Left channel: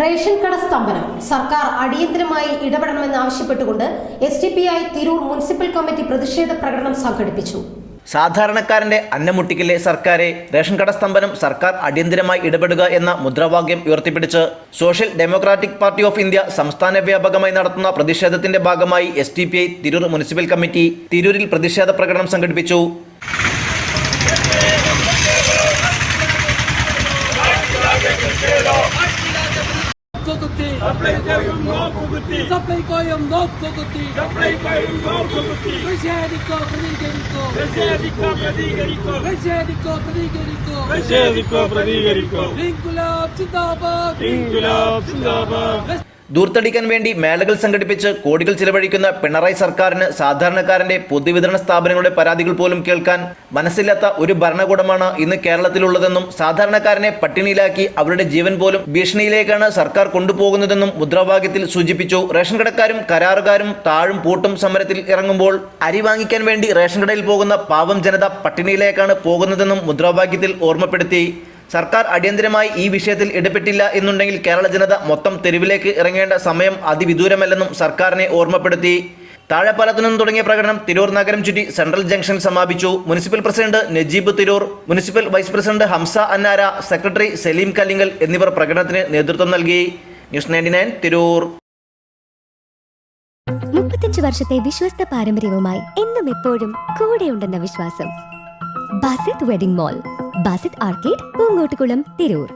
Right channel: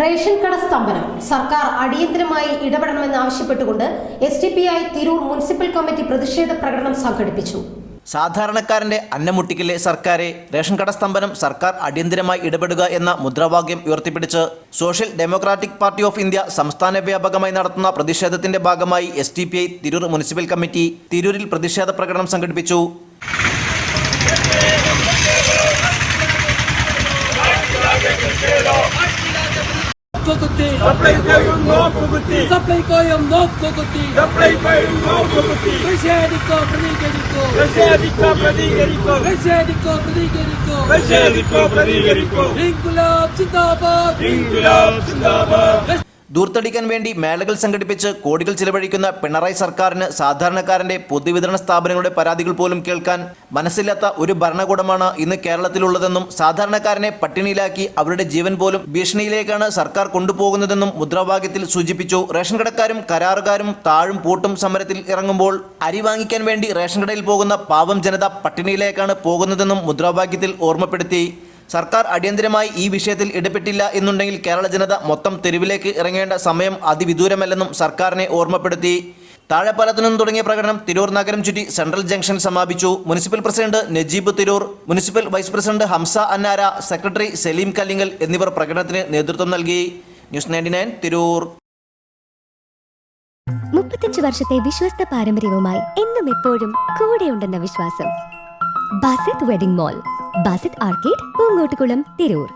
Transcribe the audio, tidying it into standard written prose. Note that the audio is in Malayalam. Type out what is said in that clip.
റേഷൻ കട സ്തംഭനം സർക്കാർ അടിയന്തരമായി ഇടപെടണമെന്നാവശ്യപ്പെട്ടുകൊണ്ട് SDPI തിരൂർ മുനിസിപ്പൽ കമ്മിറ്റി പ്രതിഷേധ പ്രകടനം സംഘടിപ്പിച്ചു. സാധാരണക്കാരന്റെ അന്നമുട്ടിക്കലെ സർക്കാരെ റേഷൻ കട സ്തംഭനം സർക്കാർ അടിയന്തരമായി ഇടപെടുക എന്ന മുദ്രാവാക്യം ഉയർത്തിപ്പിടിച്ച് social democratic party of India സംസ്ഥാന വ്യാപകമായി നടത്തുന്ന പ്രതിഷേധത്തിന്റെ ഭാഗമായി SDPI തിരൂർ മുനിസിപ്പൽ കമ്മിറ്റി തിരൂരിൽ പ്രതിഷേധ പ്രകടനം സംഘടിപ്പിച്ചു. ദൂർത്തടിക്കാൻ വേണ്ടി മേളകൾ സംഘടിപ്പിച്ച് കോടികൾ ചിലവഴിക്കുന്ന പിണറായി സർക്കാരിന് സാധാരണക്കാരന്റെ പൊതുവിതരണ സ്ഥാപനങ്ങളുടെ പരാതികൾ പോലും കേൾക്കാൻ മനസ്സില്ലാത്ത ഒരു ഭരണകൂടമാണ് ഇന്ന് കേരളത്തിലുള്ളതെന്നും സാധാരണക്കാരനെ പട്ടിണിയിലാക്കി അവരുടെ ജീവൻ പോലും ഭീഷണിയിലേക്കാണ് സർക്കാർ കൊണ്ടുപോകുന്നതെന്നും മുദ്രാവാക്യത്തിൽ സൂചിപ്പിച്ചു. റേഷൻ കടക്കാരും കരാറുകാരും താഴും പൂട്ടും സമരത്തിൽ ഇറങ്ങുമ്പോൾ അരി വാങ്ങിക്കാൻ വേണ്ടി റേഷൻ കടയിൽ പോകുന്ന പാവം ജനത പട്ടിണിയിലേക്കാണ് പോകുന്നതെന്നും മുദ്രാവാക്യത്തിൽ ഓർമ്മപ്പെടുത്തി. സർക്കാർ അടിയന്തരമായി ഈ വിഷയത്തിൽ ഇടപെട്ടില്ല എന്നുണ്ടെങ്കിൽ കേരള ജനത മൊത്തം തെരുവിലേക്ക് ഇറങ്ങേണ്ട സമയം അതിവിദൂരമല്ലെന്നും സർക്കാരിനെ ഓർമ്മപ്പെടുത്തി. താഴെപ്പാലത്തു നിന്നും തുടങ്ങിയ പ്രകടനം തിരൂർ നഗരം ചുറ്റി സെൻട്രൽ ജംഗ്ഷൻ സമാപിച്ചു. Municipal president Najeeb Tirur, municipal vice president Hamsa Annara, secretary Saleem Kallingal എന്നിവർ പ്രകടനത്തിന് നേതൃത്വം നൽകി. ന്യൂസ് 99 തിരൂർ. 35 വർഷത്തെ വിശ്വസ്ത പാരമ്പര്യവുമായി എന്നും എപ്പോഴും കൂടെയുണ്ടെന്ന വിശ്വാസം. Basith wedding mall, Basith arcade, Poongottukulam, Tirur.